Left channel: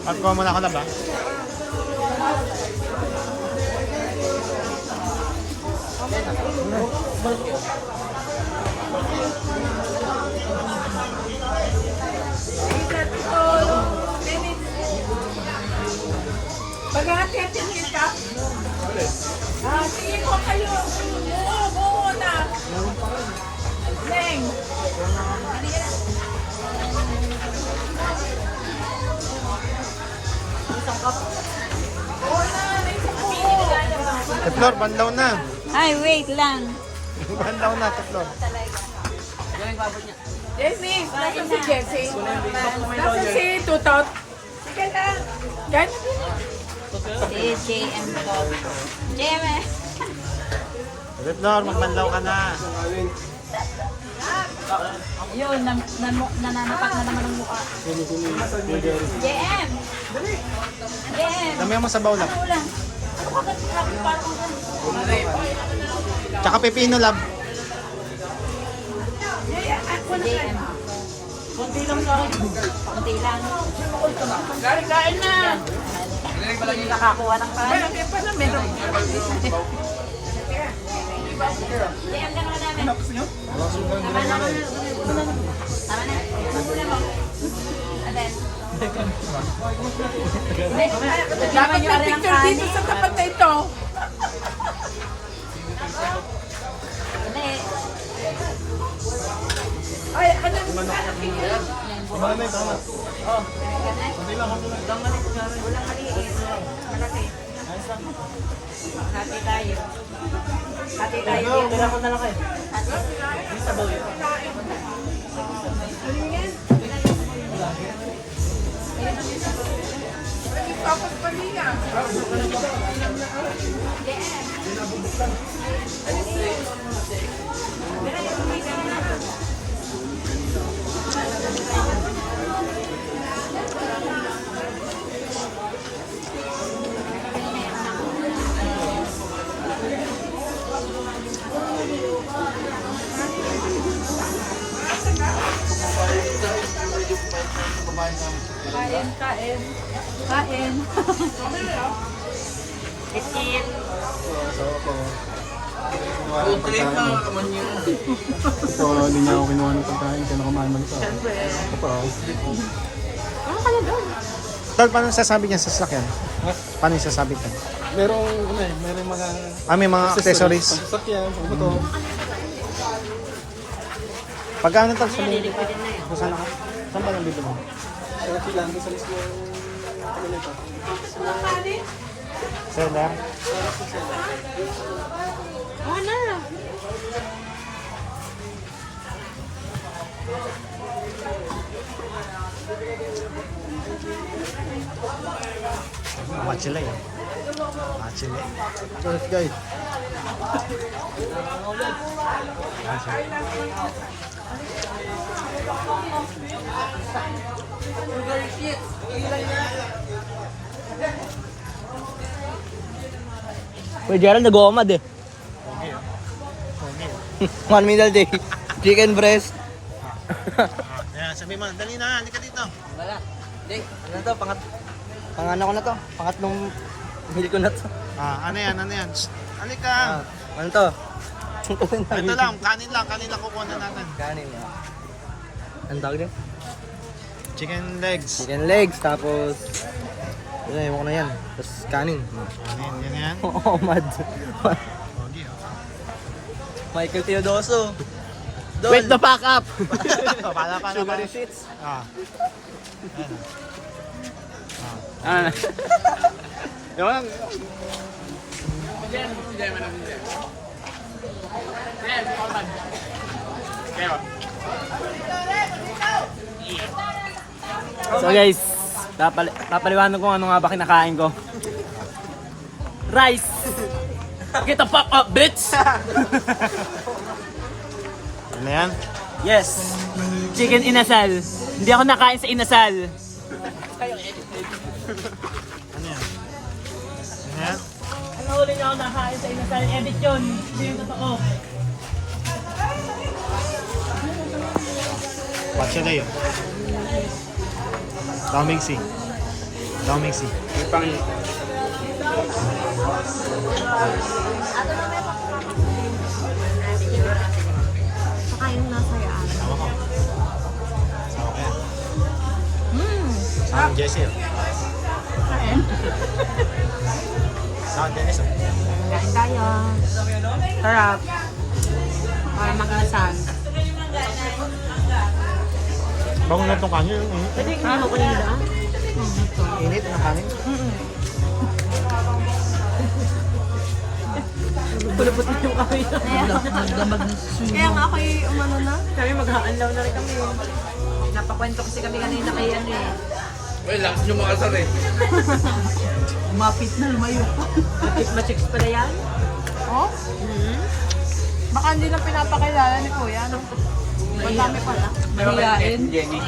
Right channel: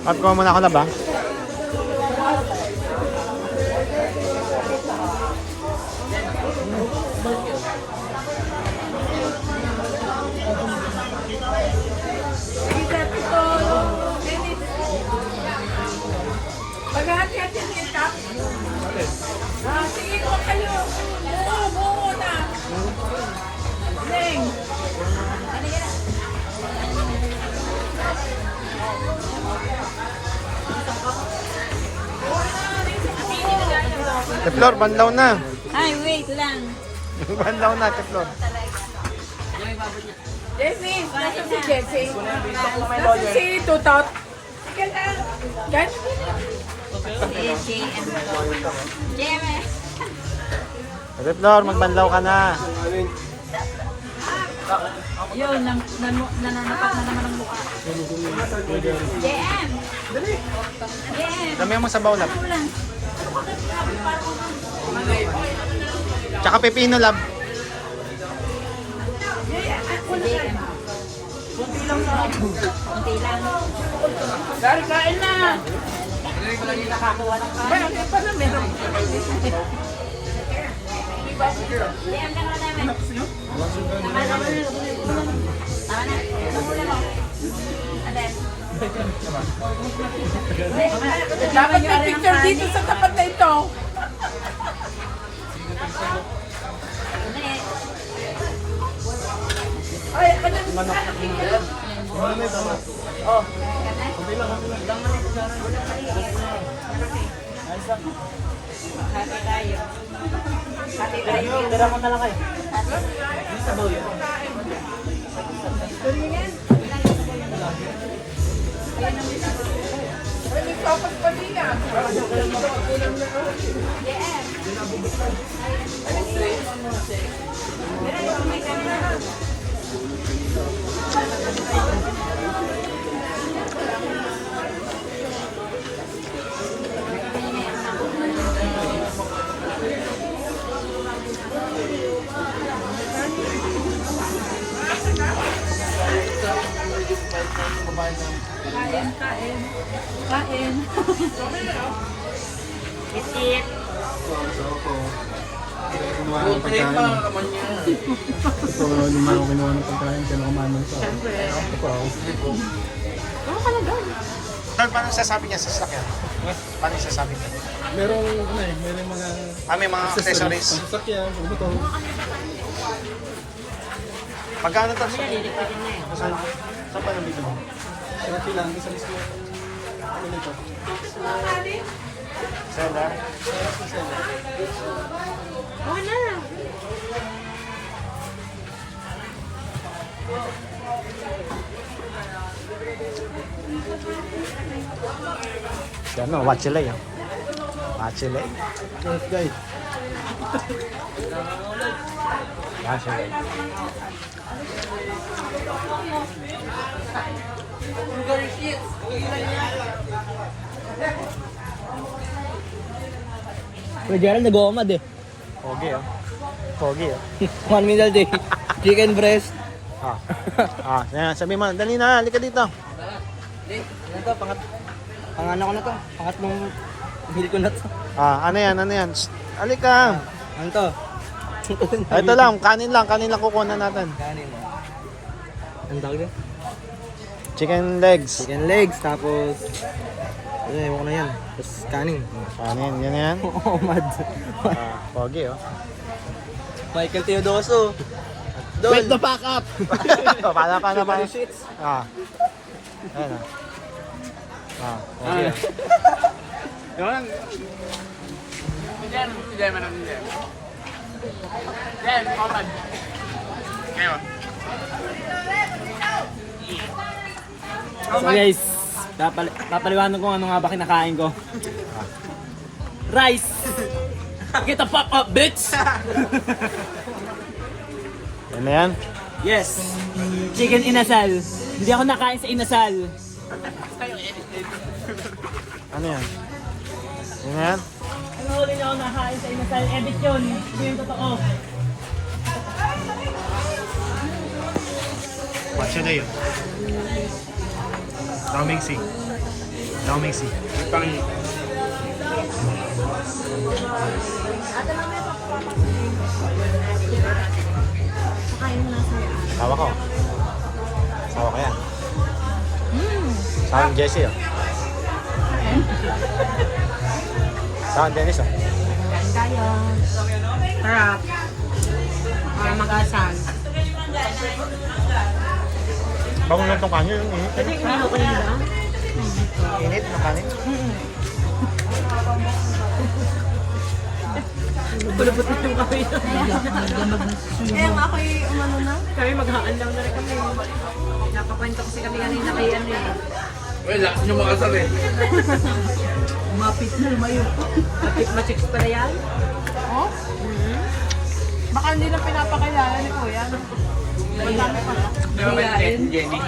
Pagkuha muna ako na ba? Pag-hati-hati niya tap. Sige ko kayo. Buo na. Neng. Teflor, banlaw na. Ay, wait lang. Banlaw na, Teflor. Jessie, nasa si Jessie? Nasa si Tutot? Sige lang. Ganyan din. Si JM ko. JM eh. Teflor, magbanlaw ka na. Yun, nananapak na naman ang mukha. JM! JM! Dami mo sa bawlap. Ano lang? Tsaka pepino lab. JM. Kunti lang sa akin. Kunti lang. Kain na. Nakakuha ng kain. Malaki pa na meron. JM, gano'n ka namin? Tama na. Tama na. Mahula mo. Aden. Dapat may picture dito sa tapat na ito. Hindi. Ay, ano? Hati tayo. Hati tayo. Tapos balina. Kain. Bisit. Ito, hindi na ako kinuha ng pagkain. Kaya nakamaman sa akin. Ano ka na doon? Tol, paano sasabi niya sa sakyan? Paano sasabi niya? Merong mga May mga accessories. sasakyan, sa motor. Pagkano ito? Lilipidin na yun. Saan pa nandito mo? Okay lang, isa mismo yung ano nito. Sera? Oo na. Ano, wachile yan. Wachile. Yes, guys. Wachile. Kuya Gerald, nag-uumad eh. Pogi. 1 meal a day. Chicken breast. Yan, sabi mo, dali na, halika dito. Ano to? Pangano ko na to. Pangatlong meal ko na to. Ano yan? Shh, halika. Ano to? Ito lang, kanin lang kukunan natin. Kanin. Ang tawag din? Chicken legs. Chicken legs, tapos... Ano, ewan ko na yan. Tapos kanin. Kanin, yan. Oo, mad. Pogi, oh. Michael Teodoso. Wait, the pack up! Para. Ayan, Yun. So guys, papaliwanag ko ano nga ba kinakain ko. Rice! Get the fuck up, bitch! Yan na yan. Yes! Chicken inasal. Hindi ako nakain sa inasal. Ano yan? Yan na yan. Ano huli niyo ako nakain sa inasal? Edit yun. Hindi yung totoo. What's your name? Raming C. Ikaw, Mixi. Saka yung nasa yan. Tawa ko. Tawa ko yan. Sa akin, Jessie, oh. Sa akin, Dennis, oh. Yan tayo. Sarap. Ay, mag-asan. Bagong lang itong kanin, yung init. Pwede kung okay na. Init ng kanin. Pulupot na yung kami. Kaya nga ako yung umano na. Kami maghaanlaw na rin kami. Napakwento kasi kami kanina kay ano eh. Mapit na, lumayo po. Machicks pala yan. Oh? Baka hindi lang pinapakilala ni Kuya, no? Madami pala. Mahiyain. Jenny.